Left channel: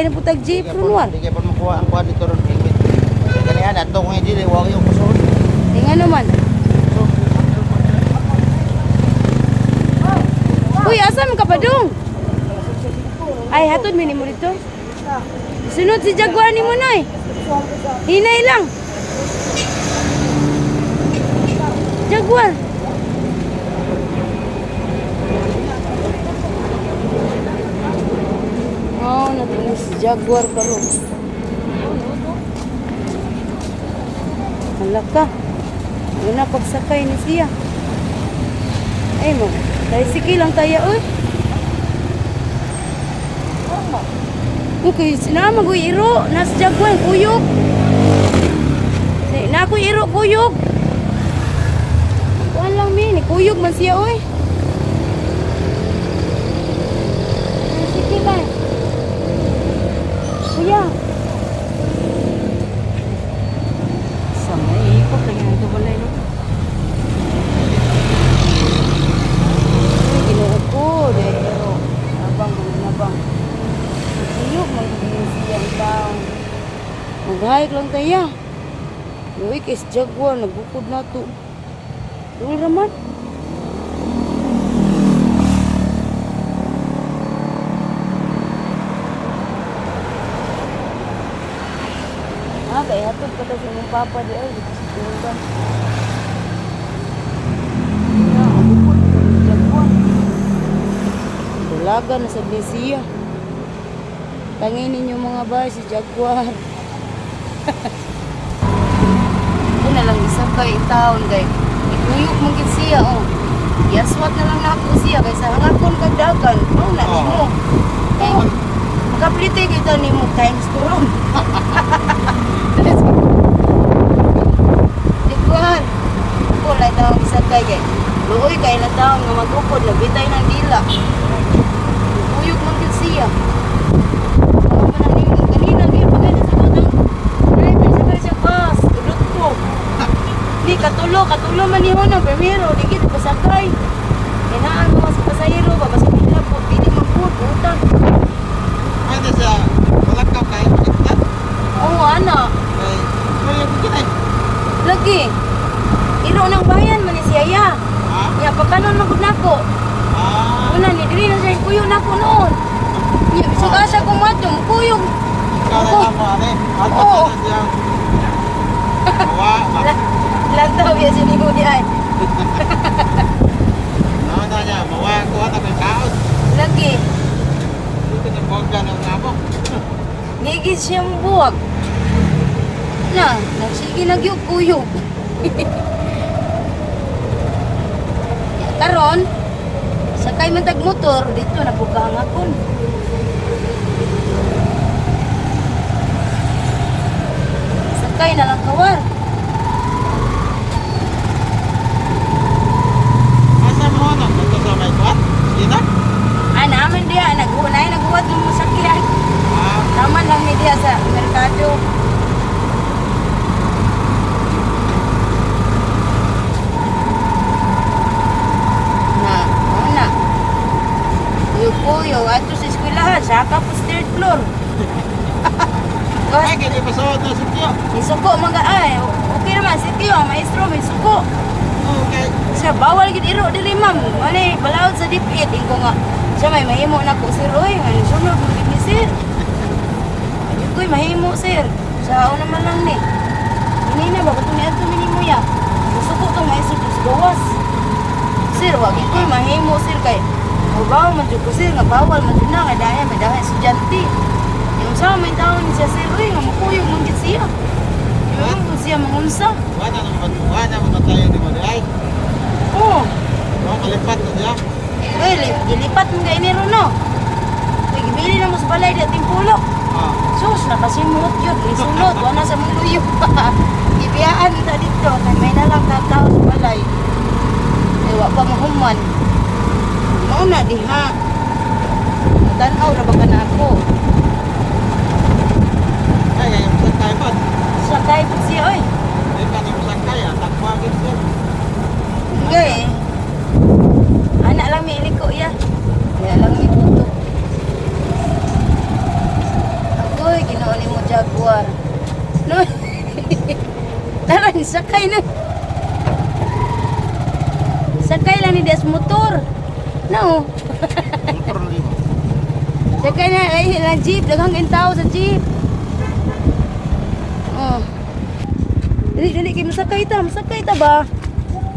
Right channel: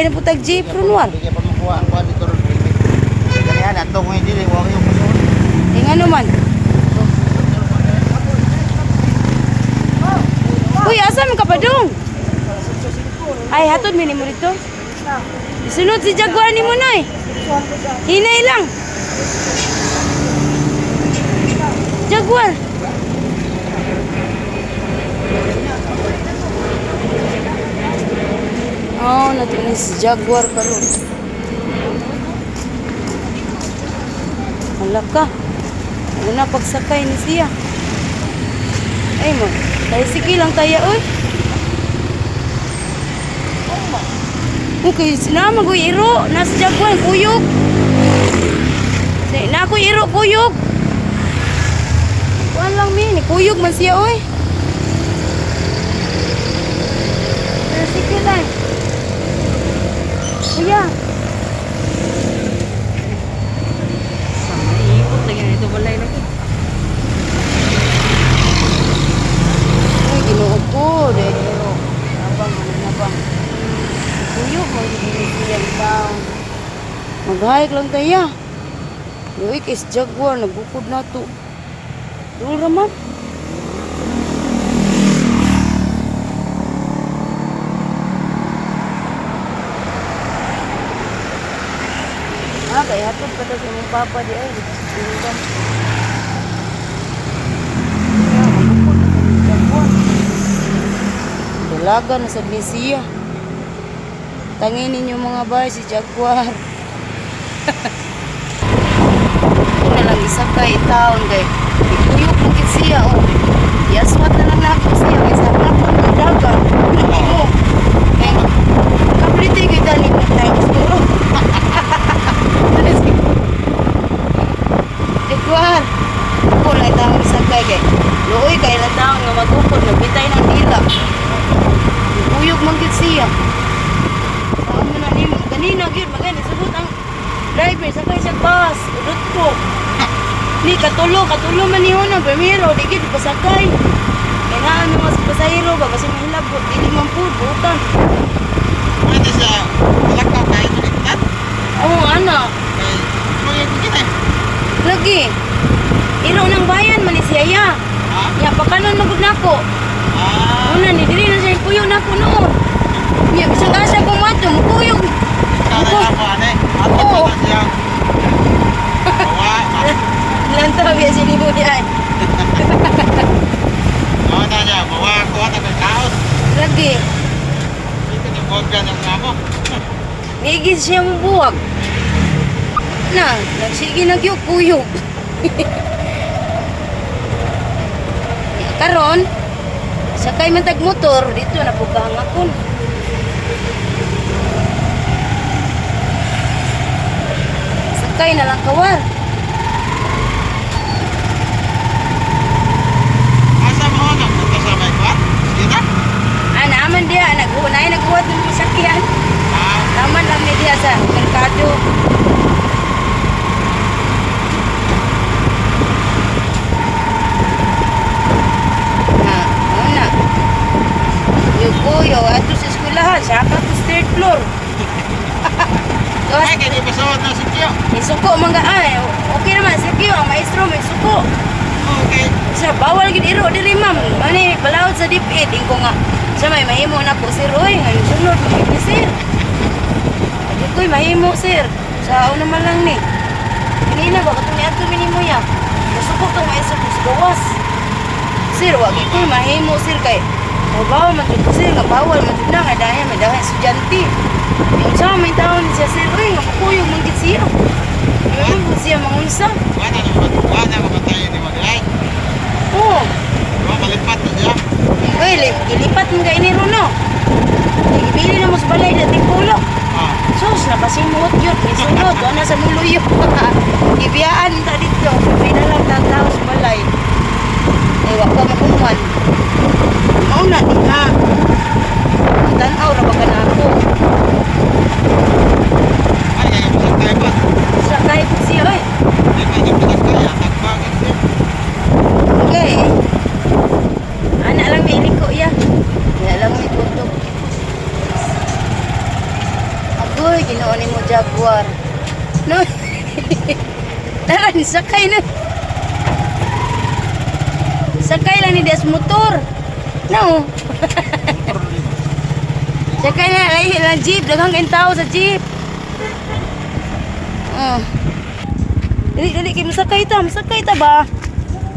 Sakay na po tag jeep ron wan. Hindi pa makuha ang kuha dito ron. Ganyan, ato ko hindi liwag yung musuot. Nga naman. Uy, asa man ka pa dong? Ay, hatod mini mo dito. Sunod si Jaguar ni mo noy. Hinay lang. Jaguar. Oh, natin si Jaguar karon. Hala ka. Ano na pagsakay ni siya? Ay mo, tayo sige lang tayo, oy. Okay, sinama ko iro. Nasa Jaguar, kuyog. Na ako iro, kuyog. Kuan lang mi, kuyog man siya, oy. Sige lang. Kuya. Sama ikot lagi ito balay lagi. Ay, ginuod ko. Pero, nabang. Kuyog, mag-iisiyang taon. Mag-hike lang tayo. Uy, kay Jaguar, nabukod na to. Dul raman. Kaya hatod pa sa mong papa di ay. Tingnan. Abukod na sa Jaguar. Dalaga na sa Iglesia. Tangin ninyo mga bay si Jaguar. Na lang isakay taon kay ikuyok mo gid siya oh. Yaswat na lang nako siya kay sa hangapon kay dagan. Una mo. Kay kaplite kita ni mo times duro. Jaguar. Ko lay taon isakay kay luoy kay la taon nga magukod na bitay ng dila. Ikuyok mo gid siya. Saan man na nimo kanina gyud bagay sulod ang driver sakay sa bus. Udot ko. Ni katulo man niyo na primero digit pasakay. Kailangan mas pasahero ba kasi mahilabot dili man pud utang. Pwede siya, malakaw kayo baliktad. Oo ana. Okay, kuya ko kita. Lagi. Iro nang bayan man ni siya ya. Ha? Ya pakanon magud nako. Una ni dili na siya kuyo nako noon. Nya bisag asa ko mo to kuyo. Kada ako ane. Ato na siya. Bawa. Lantaw ya sini mo di ay. Ano na niya, bawa ko at ang kaos. Lagi. Dito na buwag ka ng namo. Ngigis siya mo buwag. Na, nagsige nagyukuyog. Karon, sakay man tag motor dito na pugkang akon. Sakay na lang kawar. Asa mo na? Kasama ba? Dito? Naman dia nagbuhat ng masakyan. Naman lang ni dia sa merkado. Una. Yo ato sa eskwelahan, saka po third floor. Ay, kaya di pasawad na si Kyo. Isuko mga okay naman si Kyo, ang maestro may suko. Okay. Sir, bawal gid iro diri ma'am. Mani balaod sa dipit ko nga. Siya may mahimo na po sir oy, ngayon sunod ni sir. Di ko'y mahimo sir. Sa una man lang ni. Kanina ba katong niadto minimo ya. Musuko tong maestro sa gawas. Sir, wag ko'y mahimo sir kay bawal man jud ko sir nga bawal man jud na nga dahil may dahil estudyante. Yung sa may taon siya sir oy nga mukuyog man gid siya. Yung siya mangunsa. Wala mga tayo ni Maglay. Oo. Wala malipat na siya. Uy, gilipat mo ka iniro no. Ibili na mo sa balay na tigpulok. Sus, napasimuot yun. Isunod, wala sa muluyok. Ibiyaan ta dito. May nalang tatawa sa balay. Ay, wak pa makuman. Mauna, di ha. Tanaw na baka na ako. Ay, yung pasakay ba? Sakay po siya, oy. Di ba, yung pasakay, ang takbagin siya. Okay. Anak lang may iliko yan. Kaya lang may tutok. Tara, sakay na. Sakay lang ni Des motor. No. Motor na lima. Sakay na, ay jeep, daghang tao sa jeep. Oh. Dali kay masakay ta ba?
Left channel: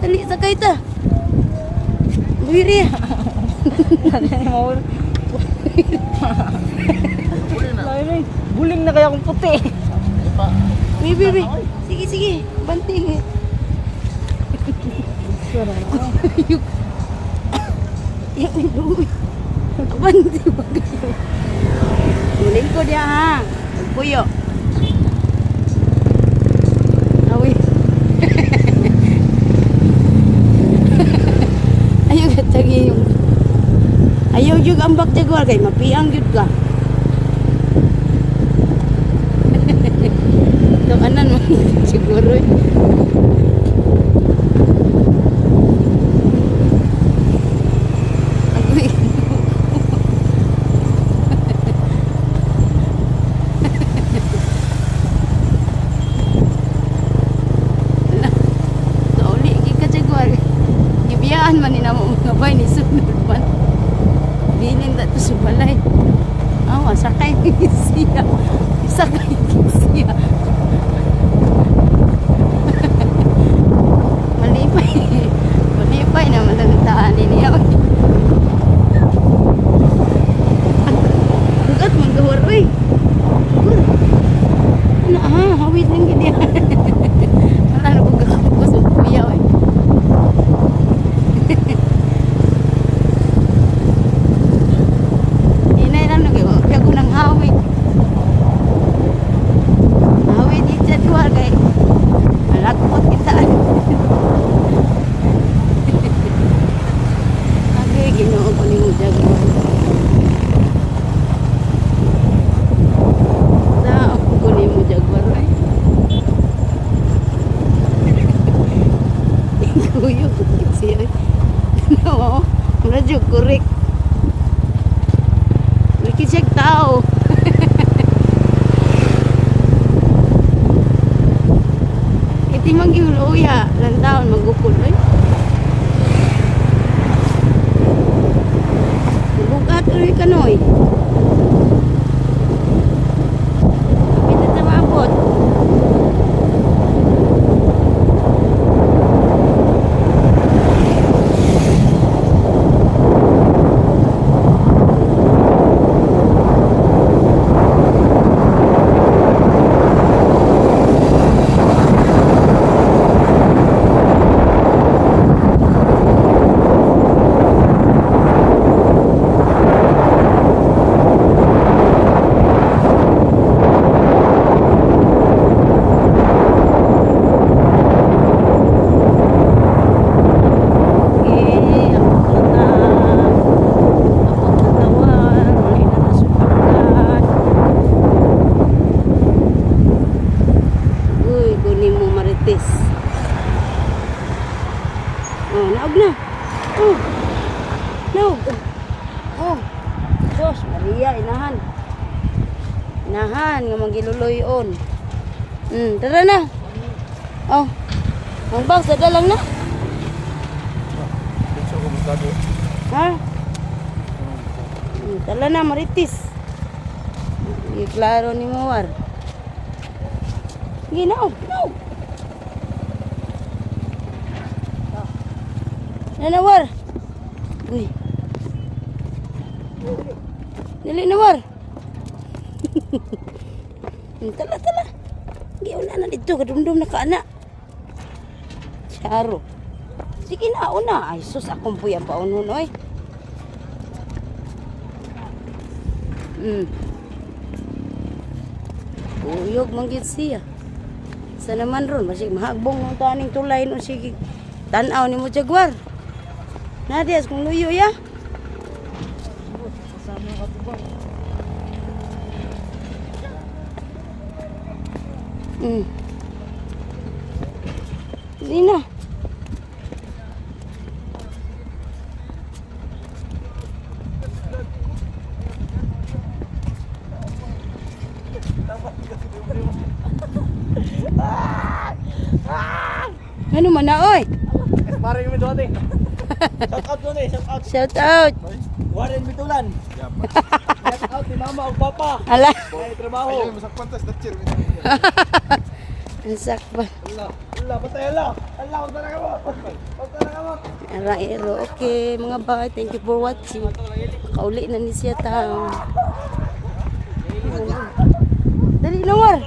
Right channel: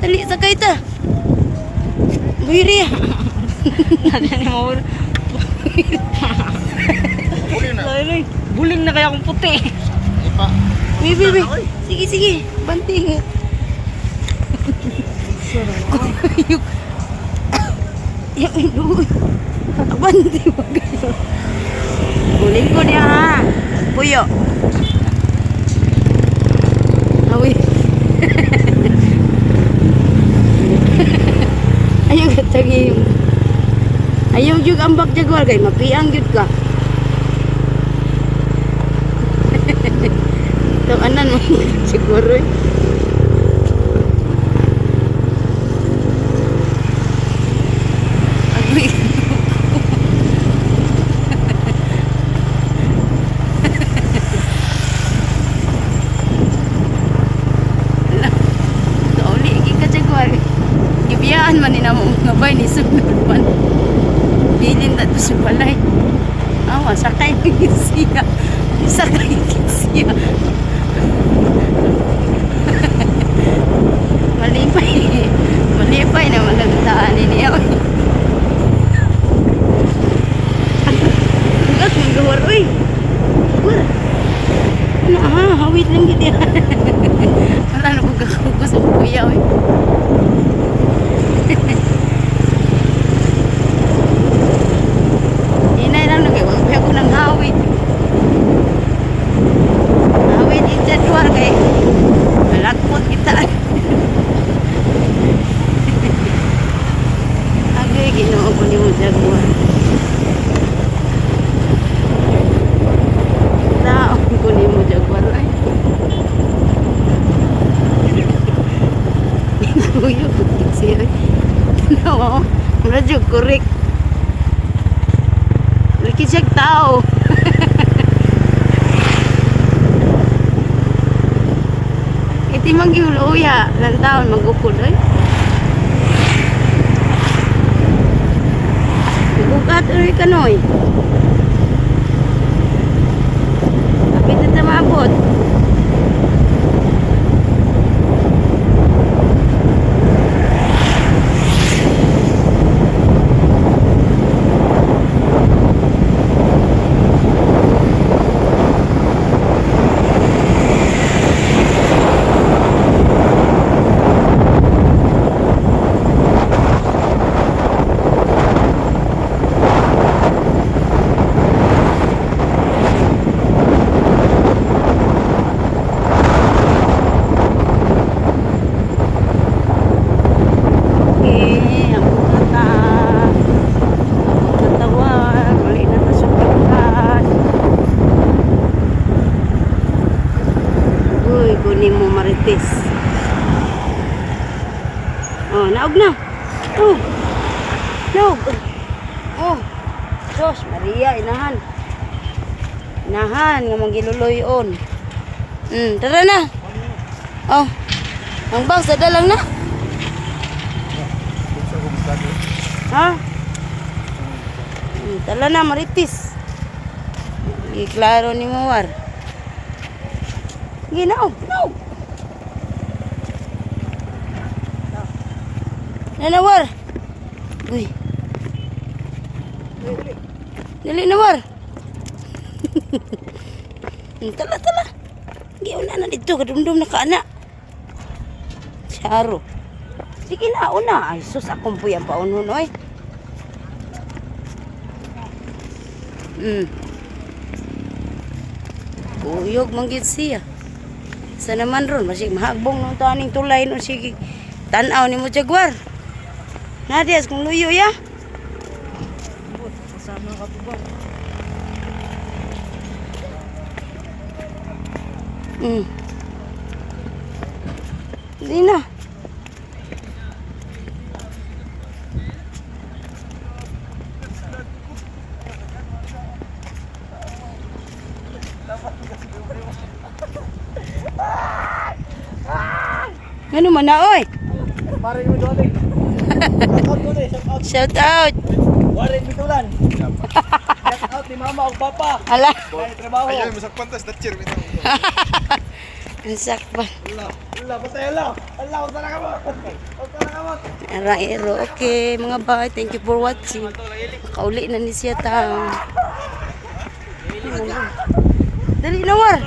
Dali sakay ta. Buiri. Ano ni mo? Uli na. Buling na kaya akong puti. Ipa. Bibi. Sige. Banting. Yuk. Yung banting. Buling ko dia ha. Puyo. Awi. Ayaw katagi yung. Ayaw yung ambak jaguar kay mapiang yun ka. Ito anan mo siguro. Agoy. Kauli ka jaguar. Gibiyaan man ni namo mga bay ni sunod man. Bilin na to sa balay. Awa, sakay siya. Sakay siya. Malipay na malantaan niya. Hugat mong gawar, uy. Gawar. Ano, hawit lang gid yan. Wala na kong gakagos o kuya, uy. Inay lang nagawa. Kaya ko nang hawit. Hawit yung jadwal kay malakot kita. Agay, ginoo ko ni mo jadwal. Taon ko ni mo jadwal, ay. Kuyo, kutit siya, ay. Tanawa, medyo correct. Laki siya tao. Iti manggihuluya, lang taon magukod, ay. Bukat ulit ka, Noy. Kapit na tamabot. Oh, naog na. Oh. Naog. Oh. Diyos, Maria, inahan. Inahan, nga magiluloyon. Tara na. Oh. Ang bang, sada lang na. Ha? Tala na, Maritis. Iklaro ni Mawar. Ginaog, naog. Nawar. Uy. Dali nawar. Tala. Giuna na dito kadumdum na kana. Saro. Sige na una. Ay sus akong puyang paunon oy. Uyog manggid siya. Sa naman ron masig mahagbong ng taning tulay no sige. Tanaw ni mo jaguar. Nadias kung luyo ya. Kasama ka po ba? Hindi na. Ano man na, oy? Pare mo doon eh. Shout out doon eh. Shout out. Shout out. Warren Bitulan. Shout out ni mama o papa. Ala. May trabaho. Ayaw, masak pantas na cheer. Ang sakpan. Allah, patay Allah. Allah, huwag na kamot. Huwag na kamot. Araero. Okay, mga bay. Thank you for watching. Kauli na ni siya tang. Dali na, war.